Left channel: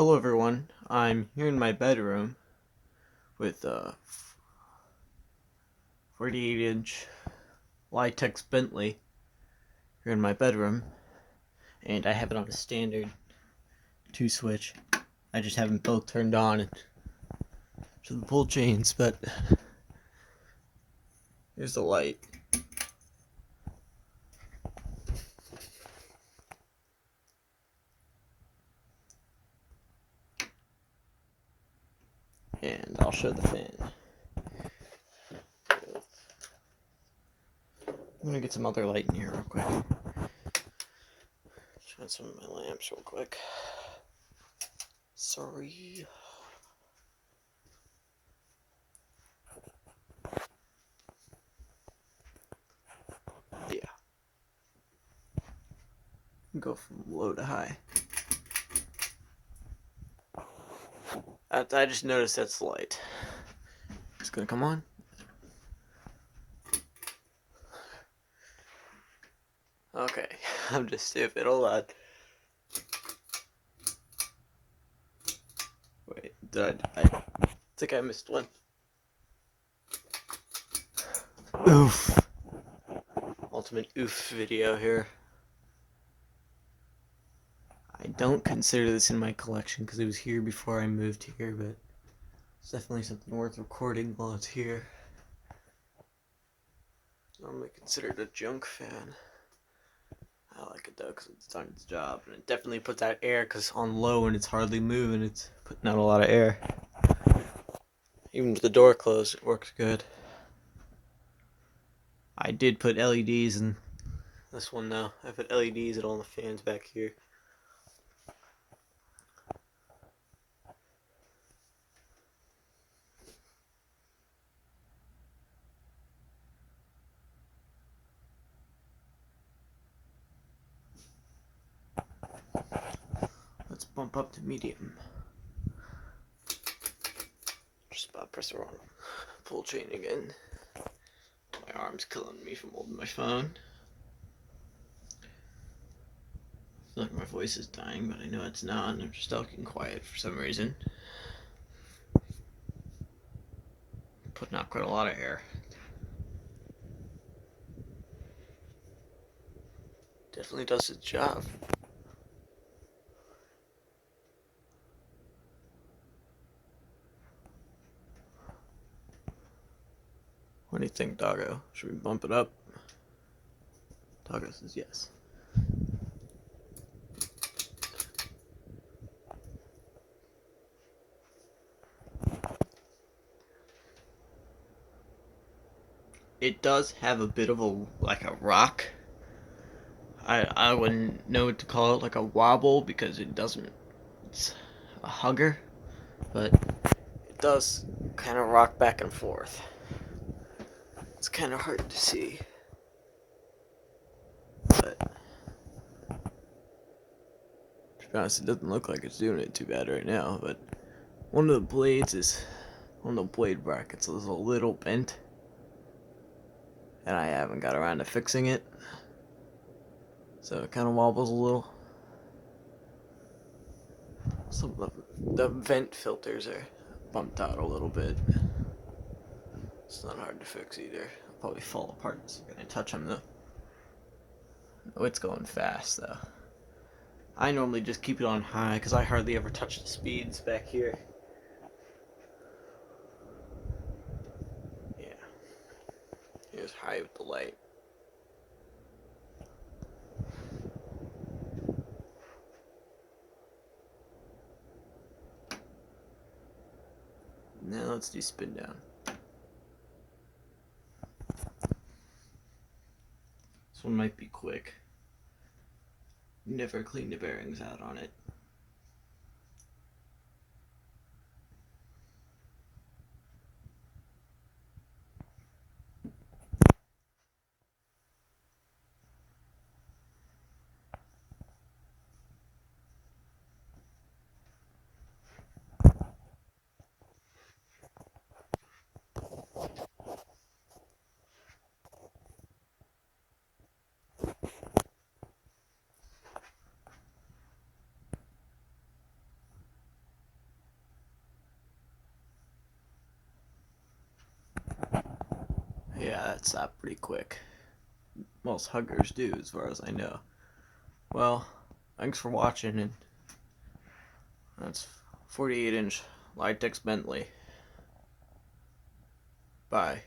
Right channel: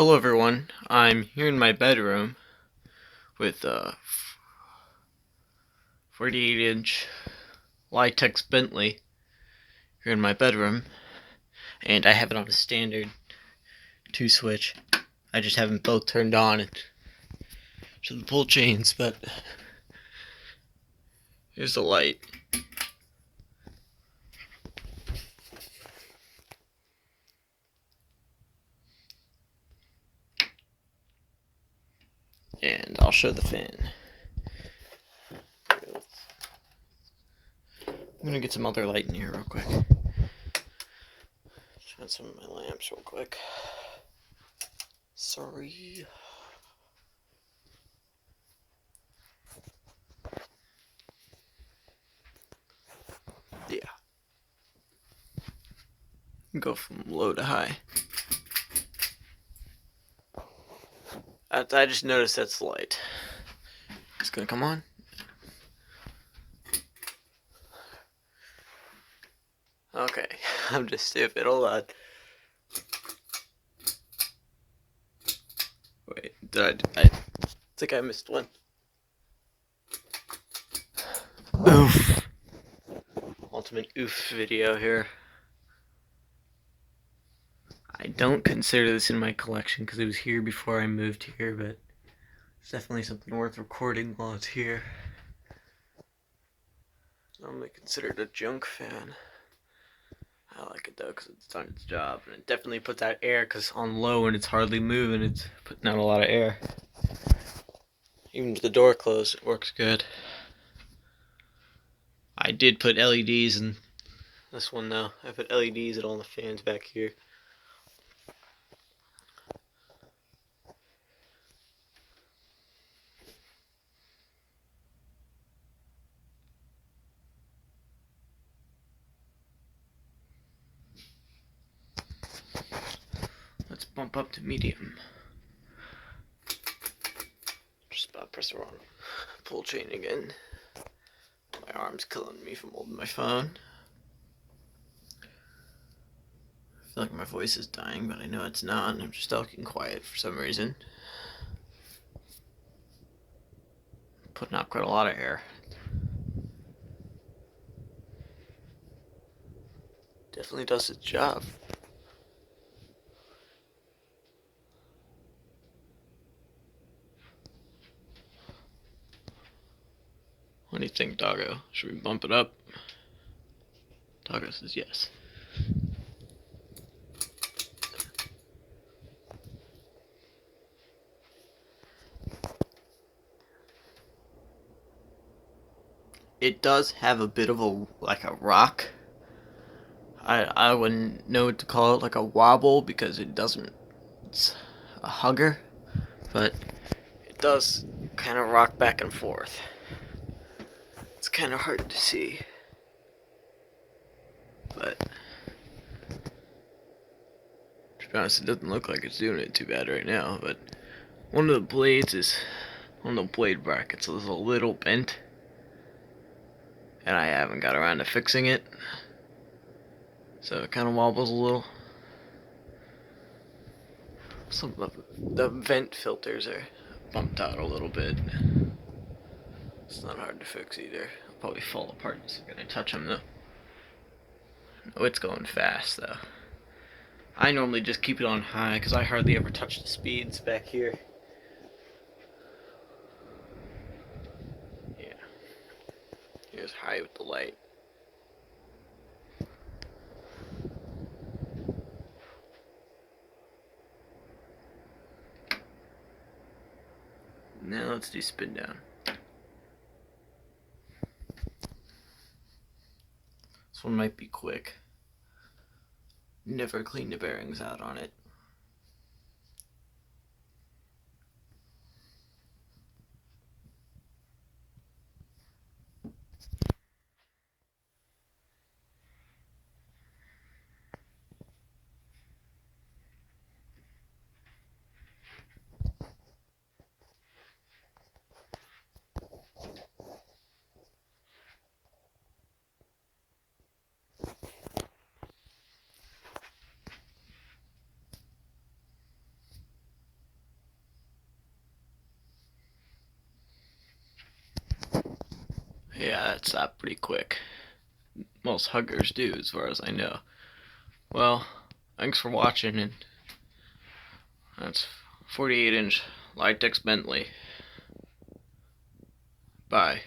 Hello everyone, I'm here in my bedroom with a 48-inch Litex Bentley here in my bedroom, and I have it on a standard 2-switch. I just haven't both turned on to the pull chains, but here's the light. And I'll show the fan. I'm gonna get some other light in here real quick. Shine some of my lamps real quick. Sorry. Yeah. Go from low to high. I just noticed that's the light. It's gonna come on. Okay, I'm just stupid. Hold on. Wait, I think I missed one. Oof. Ultimate oof video here. I don't consider this in my collection because it was here before I moved here, but it's definitely something worth recording while it's here. Normally considered a junk fan. I like it though because it's done its job, and it definitely puts out air because on low and it's hardly moving, it's putting out a lot of air. Even with the door closed, it works good. I did put LEDs in this one though. I put LEDs at all the fans back here. Let's bump up to medium. Just about press the wrong pull chain again. My arm's killing me from holding my phone. I feel like my voice is dying, but I know it's not, and I'm just talking quiet for some reason. Putting out quite a lot of air. Definitely does its job. What do you think, Doggo? Should we bump it up? Doggo says yes. It does have a bit of a rock. I wouldn't know what to call it, like a wobble, because it doesn't. It's a hugger, but it does kind of rock back and forth. It's kind of hard to see, but to be honest, it doesn't look like it's doing it too bad right now. But one of the blades is, one of the blade brackets is a little bent, and I haven't got around to fixing it, so it kind of wobbles a little. Some of the vent filters are bumped out a little bit. It's not hard to fix either. It'll probably fall apart the second I touch them though. Oh, it's going fast though. I normally just keep it on high because I hardly ever touch the speeds back here. Yeah. Here's high with the light. Now let's do spin down. This one might be quick. Never clean the bearings out on it. Yeah, that's stopped pretty quick. Most huggers do, as far as I know. Well, thanks for watching, and that's 48-inch Litex Bentley. Bye.